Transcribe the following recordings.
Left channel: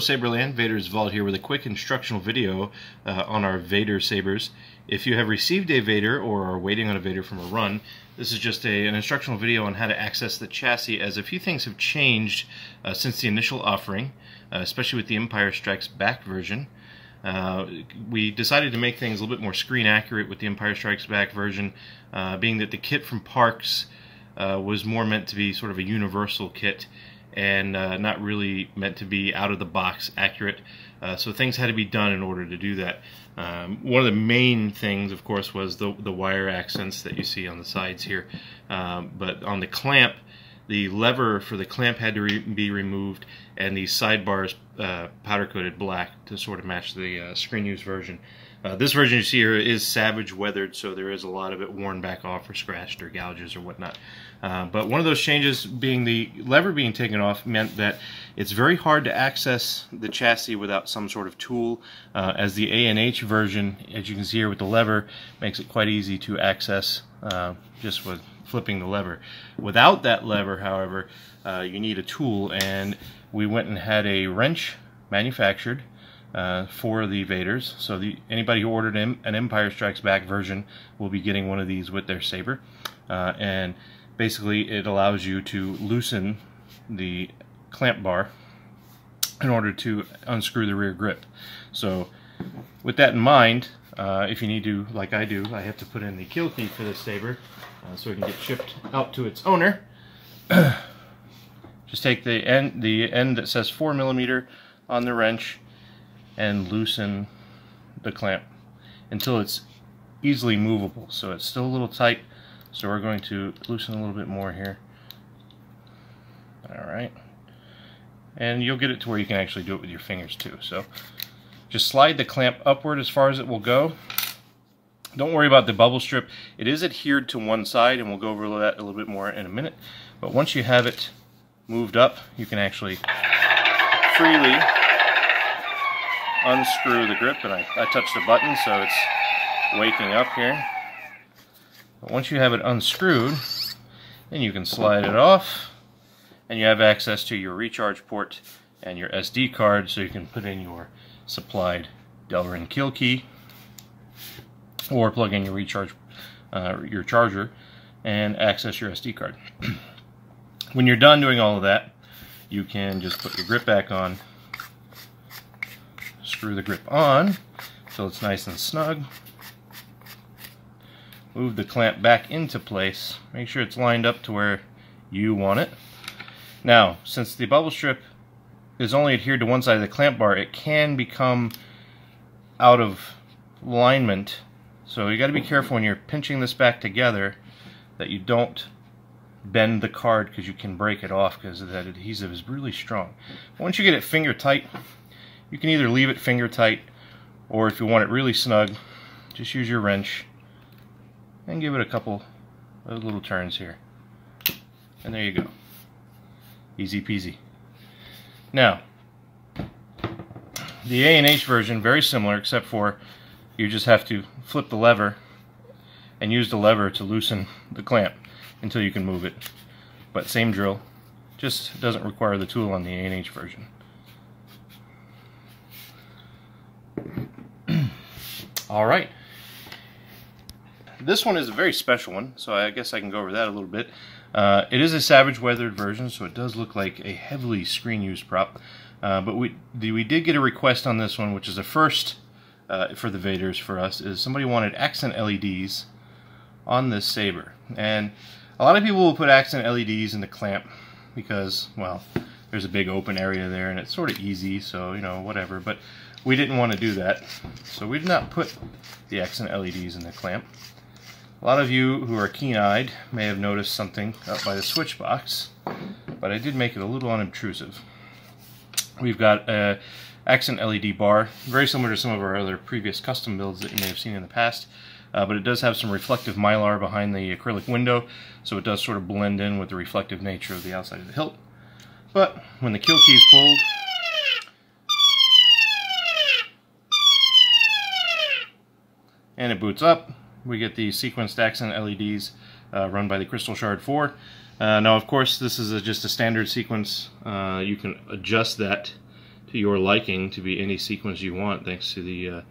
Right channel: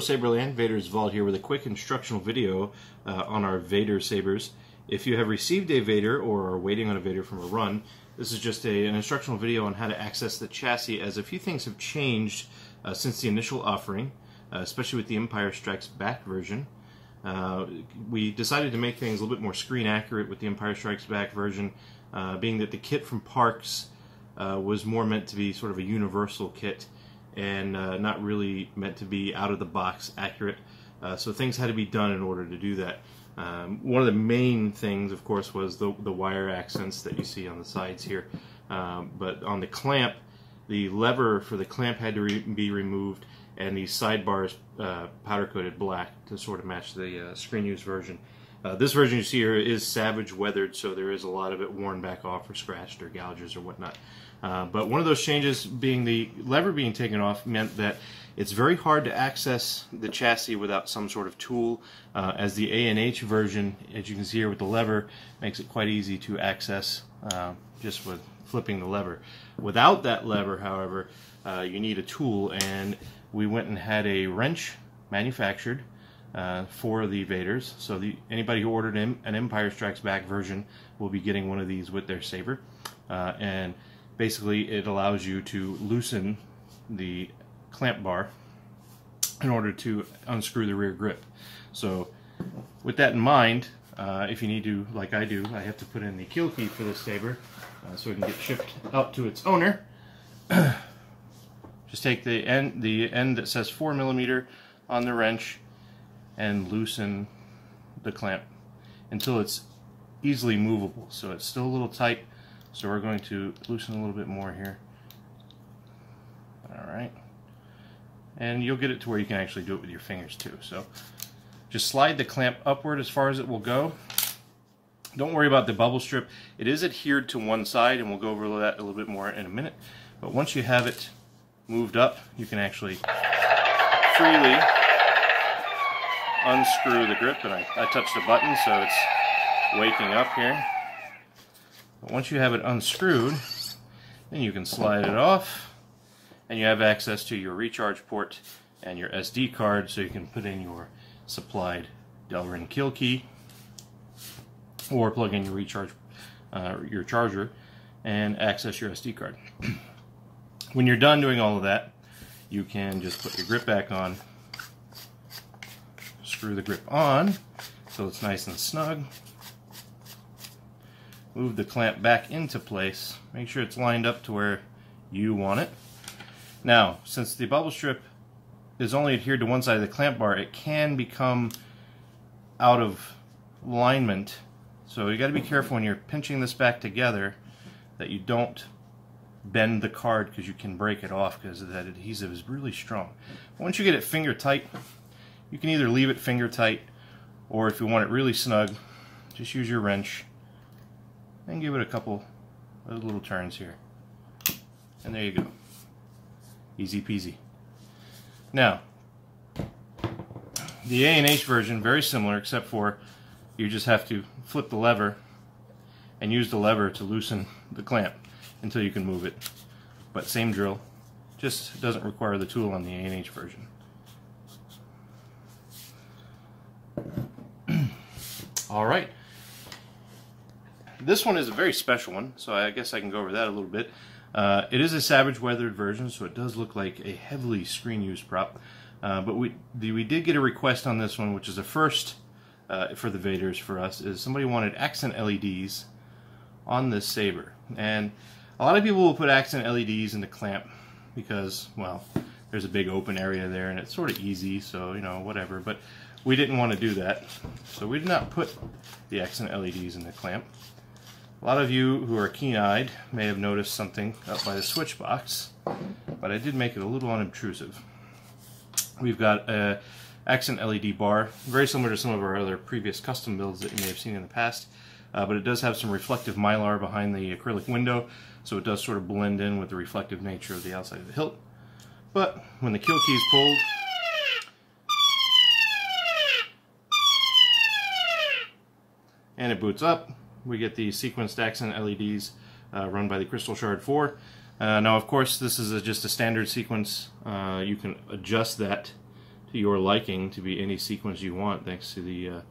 Saberland, Vader's Vault here with a quick instructional video on our Vader sabers. If you have received a Vader or are waiting on a Vader from a run, this is just an instructional video on how to access the chassis, as a few things have changed since the initial offering, especially with the Empire Strikes Back version. We decided to make things a little bit more screen accurate with the Empire Strikes Back version, being that the kit from Parks was more meant to be sort of a universal kit and not really meant to be out of the box accurate. So things had to be done in order to do that. One of the main things, of course, was the wire accents that you see on the sides here. But on the clamp, the lever for the clamp had to be removed, and the sidebars powder-coated black to sort of match the screen-use version. This version you see here is Savage weathered, so there is a lot of it worn back off or scratched or gouges or whatnot. But one of those changes being the lever being taken off meant that it's very hard to access the chassis without some sort of tool, as the ANH version, as you can see here with the lever, makes it quite easy to access just with flipping the lever. Without that lever, however, you need a tool, and we went and had a wrench manufactured for the Vaders. So anybody who ordered an Empire Strikes Back version will be getting one of these with their saber. And basically it allows you to loosen the clamp bar in order to unscrew the rear grip. So with that in mind, if you need to, like I do, I have to put in the kill key for this saber so it can get shipped out to its owner. Just take the end that says 4mm on the wrench and loosen the clamp until it's easily movable. So it's still a little tight, so we're going to loosen a little bit more here. Alright. And you'll get it to where you can actually do it with your fingers too. So just slide the clamp upward as far as it will go. Don't worry about the bubble strip. It is adhered to one side, and we'll go over that a little bit more in a minute. But once you have it moved up, you can actually freely unscrew the grip. And I touched a button, so it's waking up here. But once you have it unscrewed, then you can slide it off, and you have access to your recharge port and your SD card, so you can put in your supplied Delrin kill key, or plug in your recharge, your charger, and access your SD card. When you're done doing all of that, you can just put your grip back on, screw the grip on so it's nice and snug, move the clamp back into place, make sure it's lined up to where you want it. Now, since the bubble strip is only adhered to one side of the clamp bar, it can become out of alignment. So you got to be careful when you're pinching this back together that you don't bend the card, because you can break it off because that adhesive is really strong. But once you get it finger tight, you can either leave it finger tight, or if you want it really snug, just use your wrench and give it a couple of little turns here. And there you go. Easy peasy. Now, the ANH version, very similar, except for you just have to flip the lever and use the lever to loosen the clamp until you can move it. But same drill, just doesn't require the tool on the ANH version. Alright. This one is a very special one, so I guess I can go over that a little bit. It is a Savage weathered version, so it does look like a heavily screen-used prop. But we did get a request on this one, which is a first for the Vaders for us, is somebody wanted accent LEDs on this saber. And a lot of people will put accent LEDs in the clamp because, well, there's a big open area there and it's sort of easy, so, you know, whatever. But we didn't want to do that, so we did not put the accent LEDs in the clamp. A lot of you who are keen-eyed may have noticed something up by the switch box, but I did make it a little unobtrusive. We've got an accent LED bar, very similar to some of our other previous custom builds that you may have seen in the past, but it does have some reflective mylar behind the acrylic window, so it does sort of blend in with the reflective nature of the outside of the hilt. But when the kill key is pulled, and it boots up, we get the sequenced accent LEDs run by the Crystal Shard 4. Now, of course, this is just a standard sequence. You can adjust that to your liking to be any sequence you want, thanks to the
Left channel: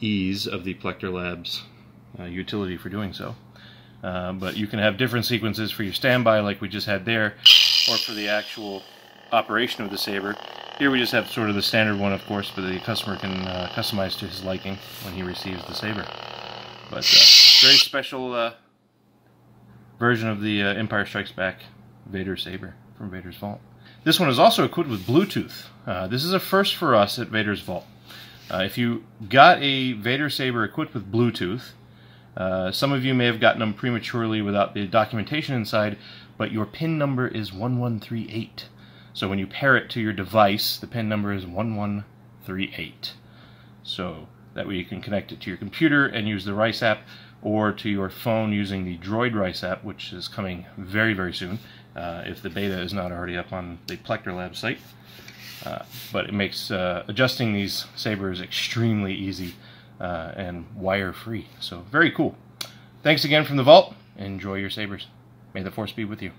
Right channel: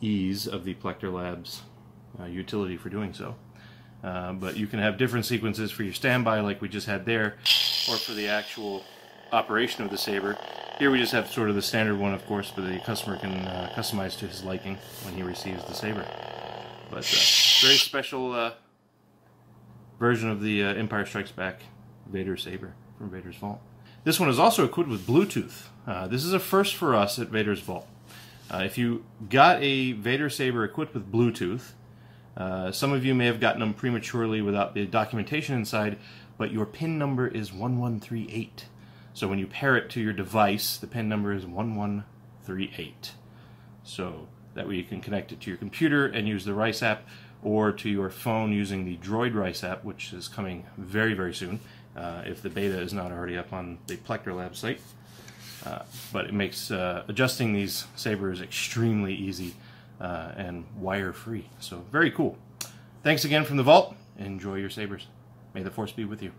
ease of the Plector Labs utility for doing so. But you can have different sequences for your standby like we just had there, or for the actual operation of the Saber. Here we just have sort of the standard one, of course, but the customer can customize to his liking when he receives the Saber. But very special version of the Empire Strikes Back Vader Saber from Vader's Vault. This one is also equipped with Bluetooth. This is a first for us at Vader's Vault. If you got a Vader Saber equipped with Bluetooth, some of you may have gotten them prematurely without the documentation inside, but your PIN number is 1138. So when you pair it to your device, the PIN number is 1138. So that way you can connect it to your computer and use the Rice app, or to your phone using the Droid Rice app, which is coming very, very soon, if the beta is not already up on the Plector Lab site. But it makes adjusting these sabers extremely easy and wire-free. So very cool. Thanks again from the Vault. Enjoy your sabers. May the Force be with you.